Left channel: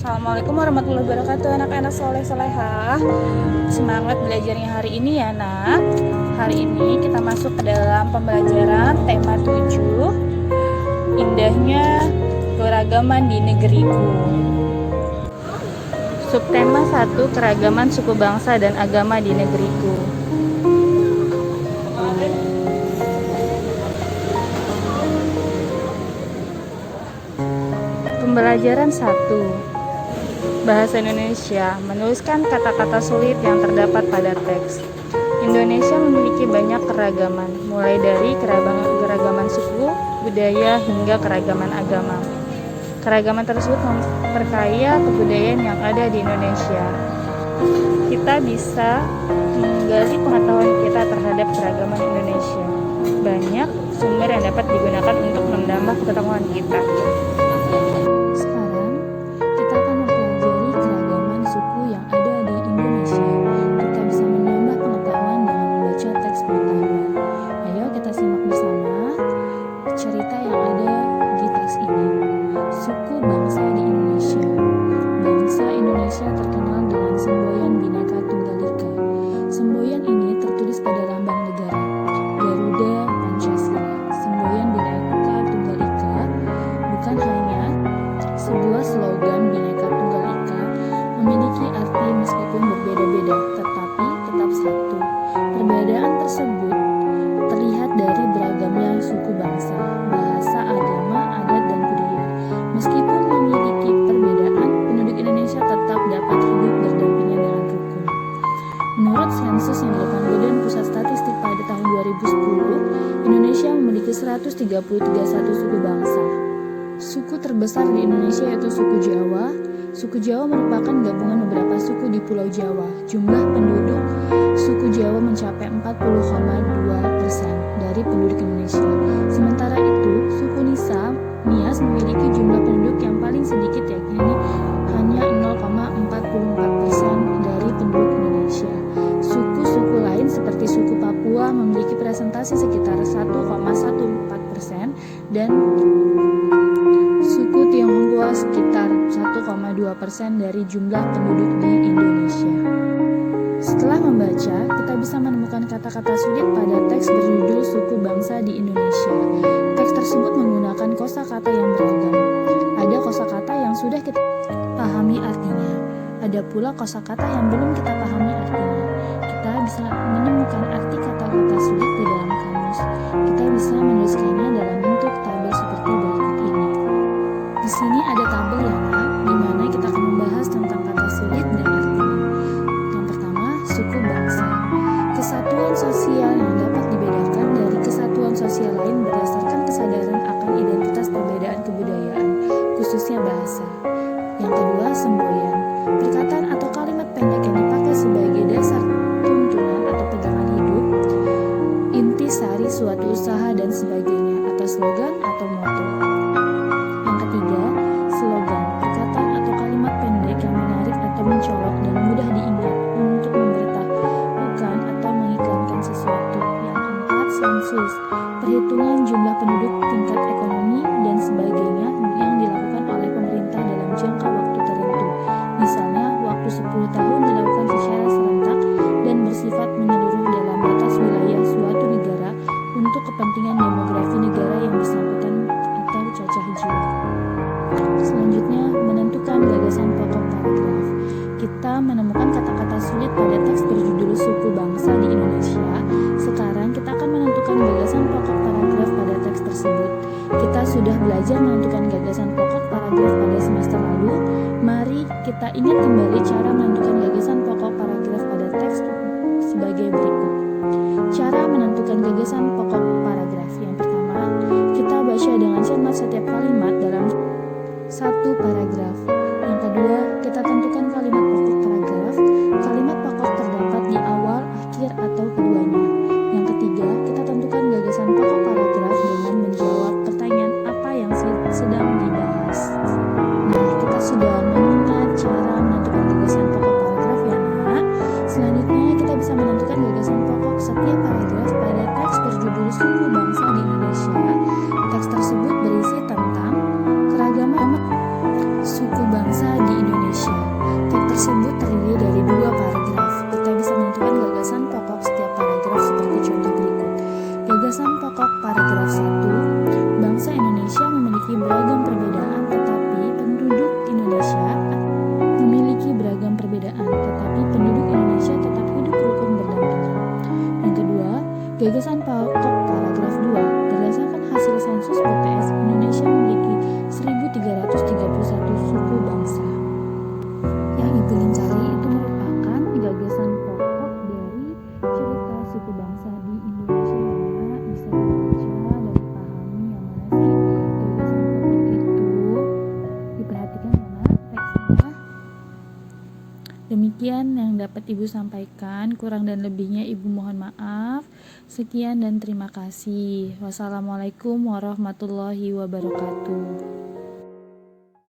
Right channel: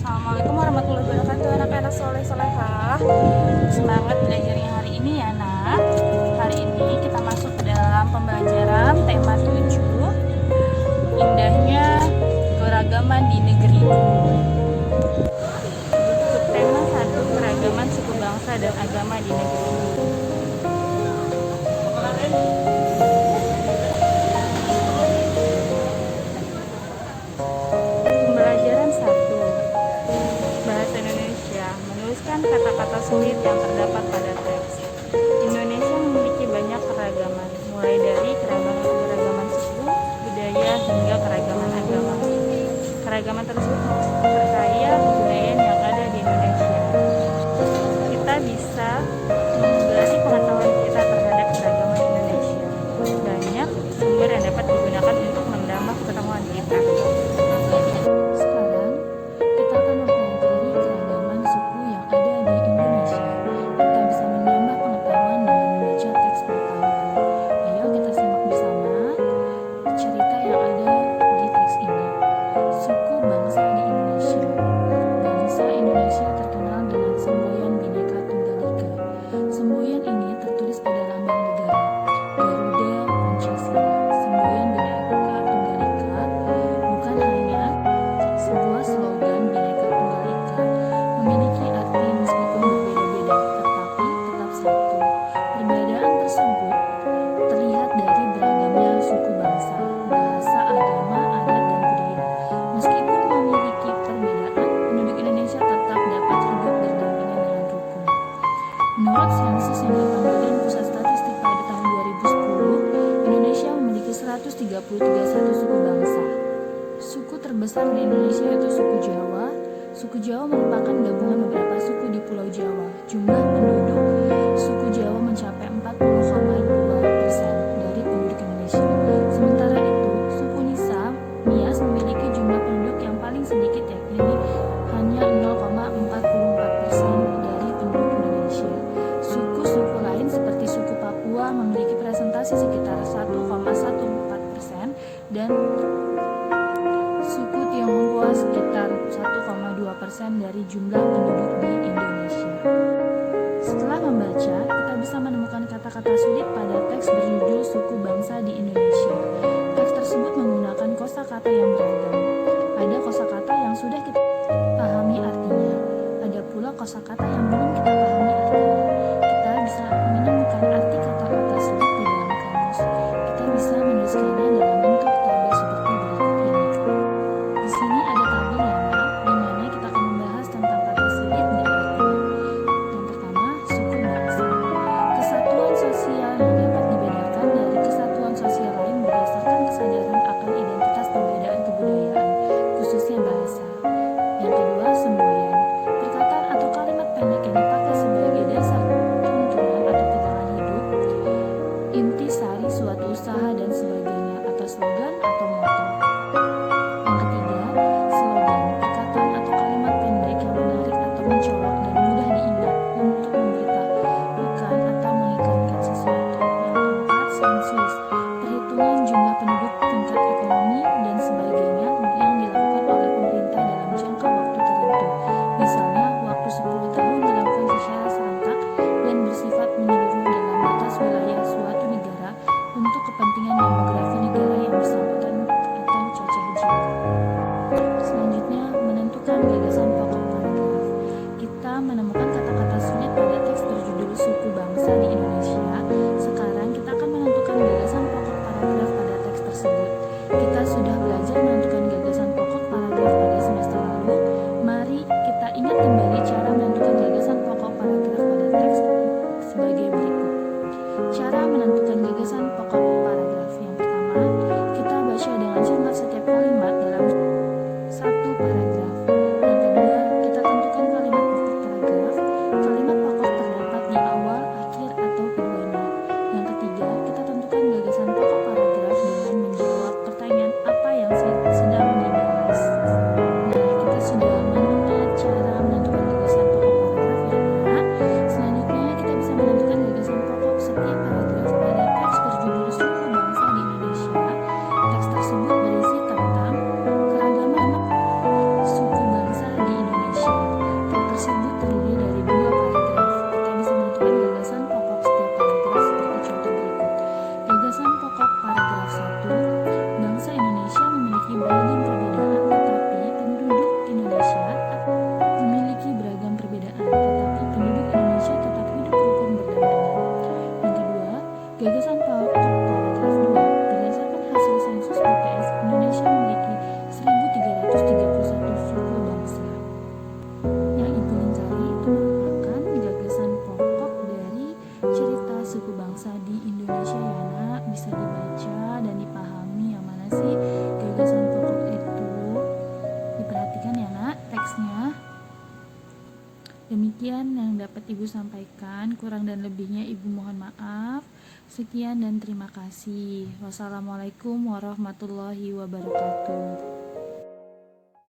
Assalamualaikum warahmatullahi wabarakatuh, anak-anak soleh solehah. Semangat belajarnya hari ini ya nak. Hari ini kita masuk ke dalam pembelajaran tema 7, indahnya keragaman di negeriku. Subtema 1, keragaman suku bangsa dan agama di negeriku. Pembelajaran 1, Bahasa Indonesia, menuliskan kata-kata sulit yang terdapat pada teks. Indonesia memiliki banyak keragaman, mulai dari keragaman suku, budaya, hingga keragaman agama. Keragaman tersebut memperkaya kebudayaan yang ada di Indonesia. Kita bisa menggali pengetahuan kita terhadap keragaman Indonesia. Banyak sumber yang dapat digunakan untuk menambah pengetahuan kita. Sekarang kita akan mempelajari keragaman suku yang ada di Indonesia. Kita bisa menambah pengetahuan dengan membaca teks pengetahuan. Ayo kita simak bersama cerita yang ada di teks ini. Suku bangsa di Indonesia. Bangsa Indonesia terkenal dengan semboyan Bhinneka Tunggal Ika. Semboyan ini tertulis pada lambang negara, Garuda Pancasila. Semboyan Bhinneka Tunggal Ika bukan hanya sebuah slogan Bhinneka Tunggal Ika, memiliki arti meskipun berbeda-beda, tetapi tetap satu. Perbedaan tersebut terlihat dari beragamnya suku bangsa, bahasa, agama, adat, dan budaya. Meskipun memiliki perbedaan, penduduk Indonesia tetap dapat hidup berdampingan dengan rukun. Menurut sensus yang dilakukan Badan Pusat Statistik pada tahun 2010, Indonesia memiliki 133 suku bangsa. Suku terbesar di Indonesia yaitu suku Jawa. Suku Jawa merupakan gabungan beberapa suku di Pulau Jawa. Jumlah penduduk suku Jawa mencapai 40,2% dari penduduk Indonesia. Sementara itu, suku Nias memiliki jumlah penduduk yang paling sedikit, yakni hanya 0,44% dari penduduk Indonesia. Suku-suku lain seperti suku Papua memiliki presentasi sekitar 1,14% dan suku Tionghoa sekitar 1,2% dari jumlah penduduk di Indonesia. Setelah membaca, kita bisa menemukan kata-kata sulit pada teks berjudul Suku Bangsa di Indonesia. Teks tersebut menggunakan kosakata yang beragam. Ada kosakata yang sudah kita pahami artinya. Ada pula kosakata yang belum kita pahami artinya. Kita bisa menemukan arti kata-kata sulit di dalam kamus. Kita bisa menuliskannya dalam bentuk tabel seperti berikut ini. Di sini ada tabel ya, di mana kita akan membahas tentang kata sulit dan artinya. Yang pertama, suku bangsa. Kesatuan sosial yang dapat dibedakan dari kesatuan sosial lain berdasarkan kesadaran akan identitas perbedaan kebudayaan, khususnya bahasa. Yang kedua, semboyan. Perkataan atau kalimat pendek yang dipakai sebagai dasar tuntunan atau pegangan hidup, inti sari suatu usaha dan sebagainya, atau slogan atau moto. Yang ketiga, slogan, perkataan atau kalimat pendek yang menarik atau mencolok dan mudah diingat untuk memberitahukan atau mengikankan sesuatu. Yang keempat, sensus, perhitungan jumlah penduduk, tingkat ekonomi, dan sebagainya yang dilakukan oleh pemerintah dalam jangka waktu tertentu. Misalnya, waktu 10 tahun dilakukan secara serentak dan bersifat menyeluruh dalam batas wilayah suatu negara untuk kepentingan demografi negara yang bersangkutan atau cacah jiwa. Selanjutnya, menentukan gagasan pokok paragraf. Kita menemukan kata-kata sulit pada teks berjudul Suku Bangsa di Indonesia. Sekarang kita akan menentukan gagasan pokok paragraf pada teks tersebut. Kita sudah belajar menentukan gagasan pokok paragraf pada semester lalu. Mari kita ingat kembali cara menentukan gagasan pokok paragraf pada teks sebagai berikut. Cara menentukan gagasan pokok paragraf. Yang pertama, kita baca dengan cermat setiap kalimat dalam satu paragraf. Yang kedua, kita tentukan kalimat pokok paragraf. Kalimat pokok terdapat di awal, akhir, atau keduanya. Yang ketiga, kita tentukan gagasan pokok paragraf dengan menjawab pertanyaan apa yang sedang dibahas. Nah, kita sudah mengingat cara menentukan gagasan pokok paragraf ya nak. Selanjutnya, kita bisa menentukan gagasan pokok setiap paragraf pada teks berjudul Suku Bangsa di Indonesia. Teks tersebut berisi tentang keragaman suku bangsa di Indonesia. tersebut terdiri dari 2 paragraf. Kita bisa menentukan gagasan pokok setiap paragraf seperti contoh berikut. Gagasan pokok paragraf 1, bangsa Indonesia memiliki beragam perbedaan tetapi penduduk Indonesia tetap hidup rukun berdampingan. Yang kedua, gagasan pokok paragraf 2, berdasarkan hasil sensus BPS, Indonesia memiliki 1.331 suku bangsa. Yang Ibu lingkari itu merupakan gagasan pokok dari cerita suku bangsa di Indonesia ya nak, bisa dibaca dan dipahami yang mana sih gagasan pokok itu. Diperhatikan ya nak teksnya. Demikian yang dapat Ibu sampaikan, kurang dan lebihnya Ibu mohon maaf. Sekian dan terima kasih. Wassalamualaikum warahmatullahi wabarakatuh.